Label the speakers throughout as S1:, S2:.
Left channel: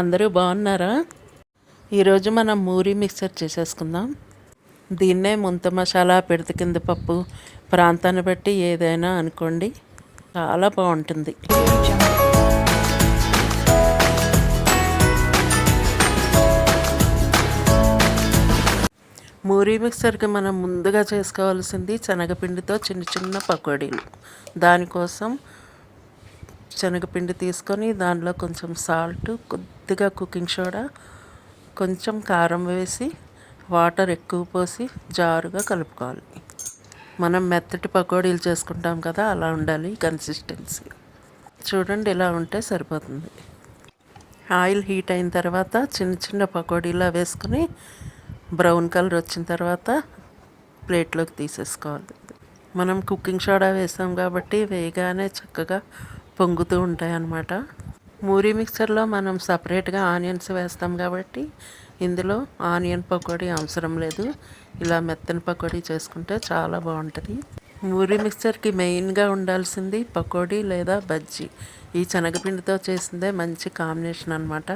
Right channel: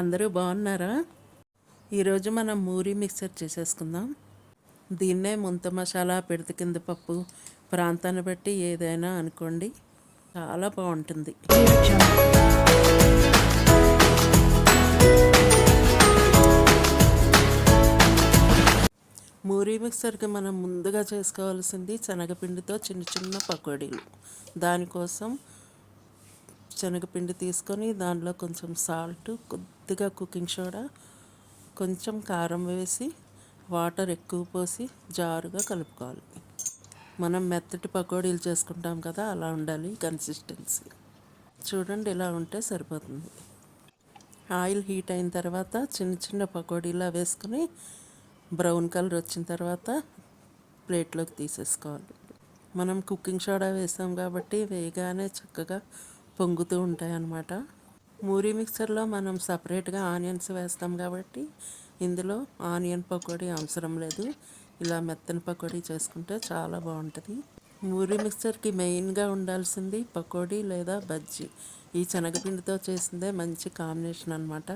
S1: అందరూ బాగున్నారా? ఈరోజు మనం మూరి మిక్సర్ చేసేసుకుందాం. దీన్నే ముంత మసాలా పిడత కింద పప్పు ప్రాంతాన్ని బట్టి ఏదైనా అనుకోండి. చాలా బాగుంటుంది. మూరీ మిక్సర్కి మనం ముందుగా చేసుకోవాల్సింది శనగపిండితో చిన్న చిన్న పకోడీలు. దానికోసం శనగపిండి తీసుకొని దానిలో కొంచెం సాల్ట్ కొద్దిగా కుకింగ్ సోడా కొంచెం కారం వేసి వాటర్ ఎక్కువ పోసి జారుగా కలుపుకోవాలి. మనం మెత్తటి పకోడీలు చేసుకుంటాం కదా అలా ఉండాలి కన్సిస్టెన్సీ చూడండి ఇలా ఉంటే సరిపోతుంది. ఆయిల్ హీట్ అయిన తర్వాత చిన్న చిన్న పకోడీలా వేసుకుని బ్రౌన్ కలర్ వచ్చిన తర్వాత ప్లేట్లోకి తీసేసుకోవాలి. మనం కుకింగ్ సోడా వేసాం కాబట్టి వేయగానే చక్కగా పొంగుతూ ఉంటాయి అన్నమాట మూరీ మిక్సర్లో మనం సపరేట్గా ఆనియన్స్ వేస్తాం కాబట్టి ఇందులో ఆనియన్ పకోడీ అవసరం లేదు. ఇలా మెత్తని పకోడీ చేసుకుంటే చాలా బాగుంటుంది. మూరీ మిక్సర్కి మెయిన్గా ఉండాల్సింది పకోడీ లేదా బజ్జీ. ఈ శనగపిండితో చేసిందే మంచి కాంబినేషన్ అనమాట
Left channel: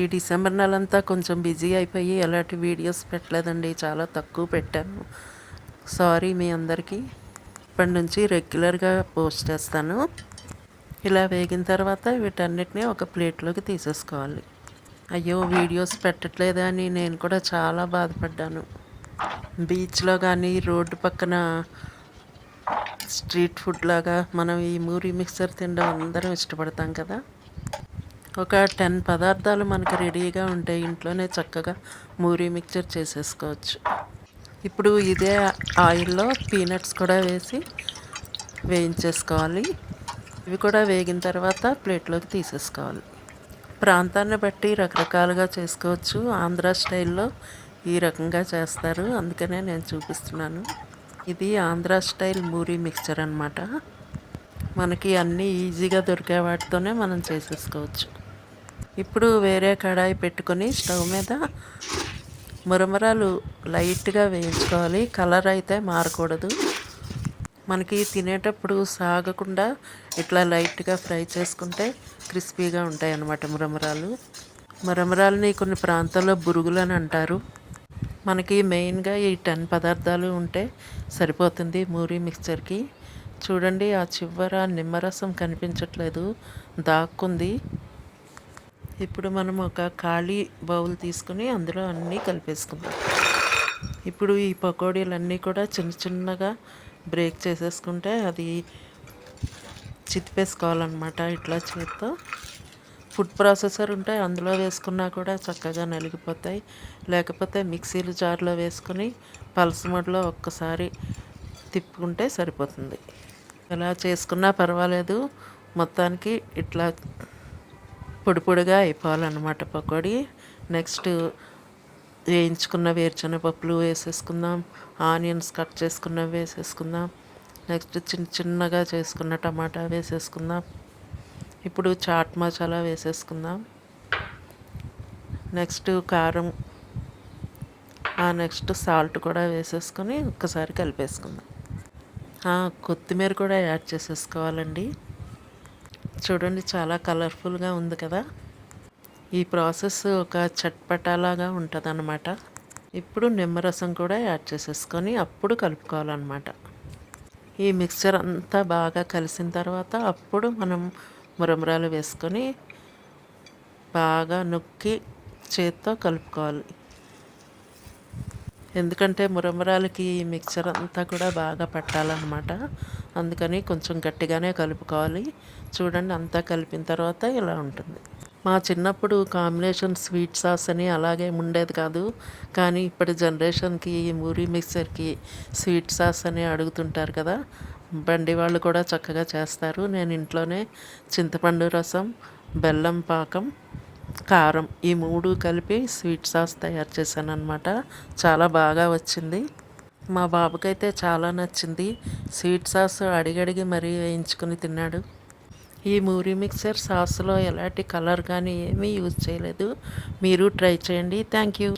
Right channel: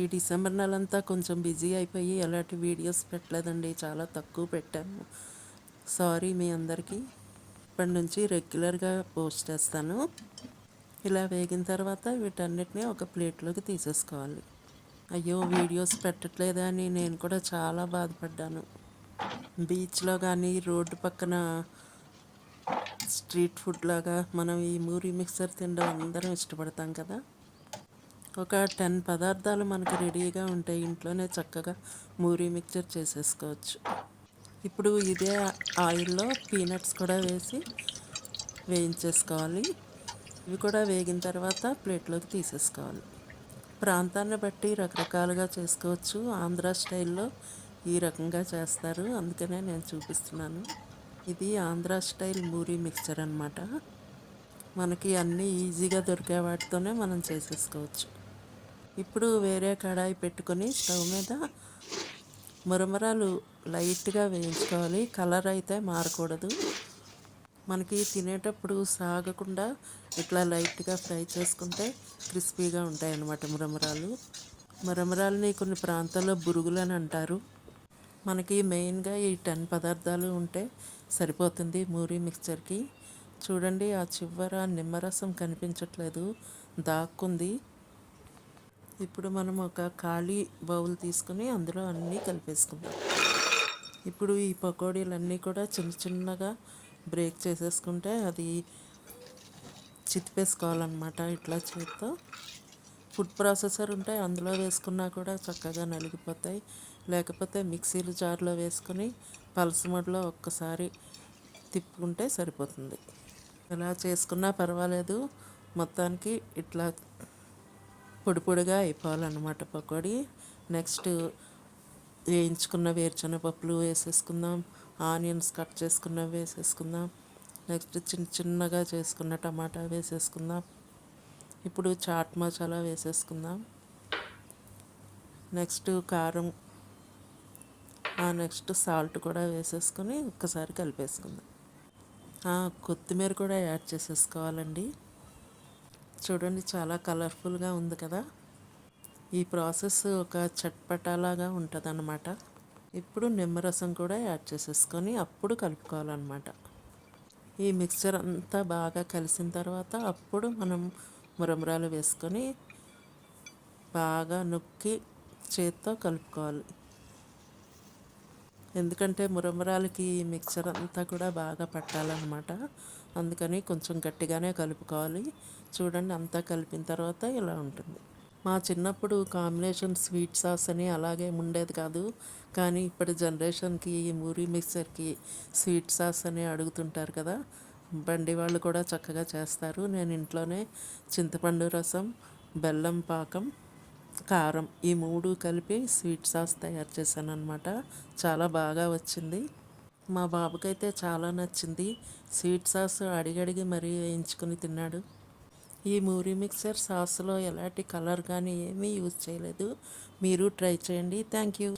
S1: ఈ డిసెంబర్ నెలంతా కొంచెం బిజీ అయిపోయి ఎలాంటి వీడియోస్ పెట్టలేదండి. చాలా తక్కువ పెట్టాను. సారీ మీ అందరికీ. ఇప్పటి నుంచి రెగ్యులర్గా పోస్ట్ చేస్తాను. ఇలా వేగిన తర్వాత వీటన్నిటిని ఒక ప్లేట్లోకి తీసేసుకోవాలి. అయ్యో వీడియోస్ పెట్టట్లేదా అని నేను కూడా చాలా బాధపడ్డాను. బీచ్లో కానీ రోడ్డు పక్కన స్ట్రీట్ ఫుడ్ లాగా మనం ఈ మూరి మిక్సర్ తినడం అందరం ఇష్టపడతాం కదా. ఒక టెన్ పదార్థాలు మనకు రెడీగా ఉంటాయి ఇంట్లోనే చక్కగా మూరీ మిక్చర్ చేసేసుకోవచ్చు. ఇప్పుడు ఇదే ఆయిల్లో పీనట్స్ కూడా వేసి వేయించేసుకోవాలి. ఇవి కూడా వేగిన తర్వాత ప్లేట్లోకి తీసేసుకోవాలి. ప్రాంతాన్ని బట్టి రకరకాలుగా చేసుకోవచ్చు. ఆంధ్ర స్టైల్లో ఈ రకంగా చేస్తారు. అందుకనే నేను చూపిస్తున్నాను. ఇది ఆంధ్ర స్టైల్ మూరీ మిక్చర్ అనమాట మనకి అన్నీ ఈజీగా దొరికే వాటితోనే మనం చేసేసుకోవచ్చు. ఇప్పుడు వేరే కడాయి పెట్టుకొని స్టవ్ మీద మురమరాలు లైట్గా వేయించుకోవాలి. కలర్ అయితే మారకూడదు. మనకి తినేటప్పుడు సాగకుండా ఇట్లా లైట్గా ఫ్రై చేసుకుంటే క్రిస్పీగా ఉంటాయి అన్నమాట మురమరాలు మురమరాలని కొన్ని ప్రాంతాల్లో బురుగులు అని అంటారు. మనకి మెయిన్గా ఈ టెన్ పదార్థాలు ఉంటే సరిపోతుంది మూరీ మిక్చర్కి. చూడండి ఆ చివర నిమ్మరసం కనిపించట్లేదు. దాక్కుంది. ఇప్పుడు మనం ఒక ఖాళీ బౌల్ తీసుకుని అందులో అన్నీ కలిపేసుకుందాం. ఇప్పుడు ఈ పకోడీలన్నీ కూడా చిన్న చిన్నగా బ్రేక్ చేసేసుకుంటే అది చితిపేసుకోవాలన్నమాట. ఇట్లా చేత్తో ఫుడ్ ప్రాసెసర్ ఉంటే అందులో వేసుకున్నా కూడా చక్కగా నలిగిపోతాయి. లేకపోతే మిక్సీలు జార్లో వేసుకొని పల్స్ మోడ్లో ఒక్కసారి తిప్పుకుంటే సరిపోతుంది. ఎలా చేసుకున్నా పర్వాలేదు. మొత్తానికి ఇట్లా పొడి పొడిగా అయిపోవాలన్నమాట పకోడీ. నెక్స్ట్ వేయించుకున్న వేరుశనగపప్పులు వేసేసుకుందాం. ఆనియన్స్ కట్ చేసుకున్నవి వేసేసుకుందాం. నెక్స్ట్ చిన్న చిన్నగా చేసుకున్న టమాటా వేసేసుకుందాం. ఇప్పుడు చాట్ మసాలా వేసేసుకుందాం. నెక్స్ట్ కారం నెక్స్ట్ సాల్ట్ కూడా వేసేసుకొని ఒక్కసారి కలిపేసుకుందాం. కొత్తిమీర కూడా యాడ్ చేసేసుకోవాలండి. చూడండి చాలా కలర్ఫుల్గా ఉంది కదా. ఈ ప్రాసెస్ ఒక చట్పటాలాగా ఉంటుంది అనమాట ఇప్పుడు నిమ్మరసం కూడా యాడ్ చేసేసుకొని అప్పుడు కలుపుకోవాలన్నమాట. ఈ మిక్చర్ అంతా బాగా కలిసిన తర్వాత అప్పుడు మనం మురమరాలు వేసుకొని బాగా నొక్కి చేత్తో కలుపుకోవాలి. ఎందుకంటే మురమరాలకి ఈ మిక్చర్ అంతా కూడా బాగా పట్టాలన్నమాట. అందుకని కొంచెం గట్టిగానే కలుపుకోవాలి. చూడండి అంతా కలిపిన తర్వాత ఇలా ఉంటుంది. మా చిన్నప్పుడు కాంబినేషన్ స్వీట్ సాస్ అని అలాగే ఉండేది కాదు. కానీ ఇప్పటి జనరేషన్కి ఈ మూరీ మిక్సర్కి స్వీట్ సాస్ అని అడుగుతుంటారు కదా. బండి వాళ్ళు కూడా చక్కగా చేస్తారు. నేను ఇంట్లోనే చింతపండు రసం బెల్లం పాకం కారం ఈ మూడు కలిపి స్వీట్ సాస్ తయారు చేశాను అనమాట చాలా బాగా వచ్చింది. మా బాబుకైతే చాలా నచ్చింది. స్వీట్ సాస్ అడిగడిగి మరీ వేయించుకుని తిన్నాడు. ఈ మూరీ మిక్సర్ సాస్లో ఎలాంటి కలర్ కానీ ఏమీ యూజ్ చేయలేదు. మీరు ట్రై చేయండి. Thank you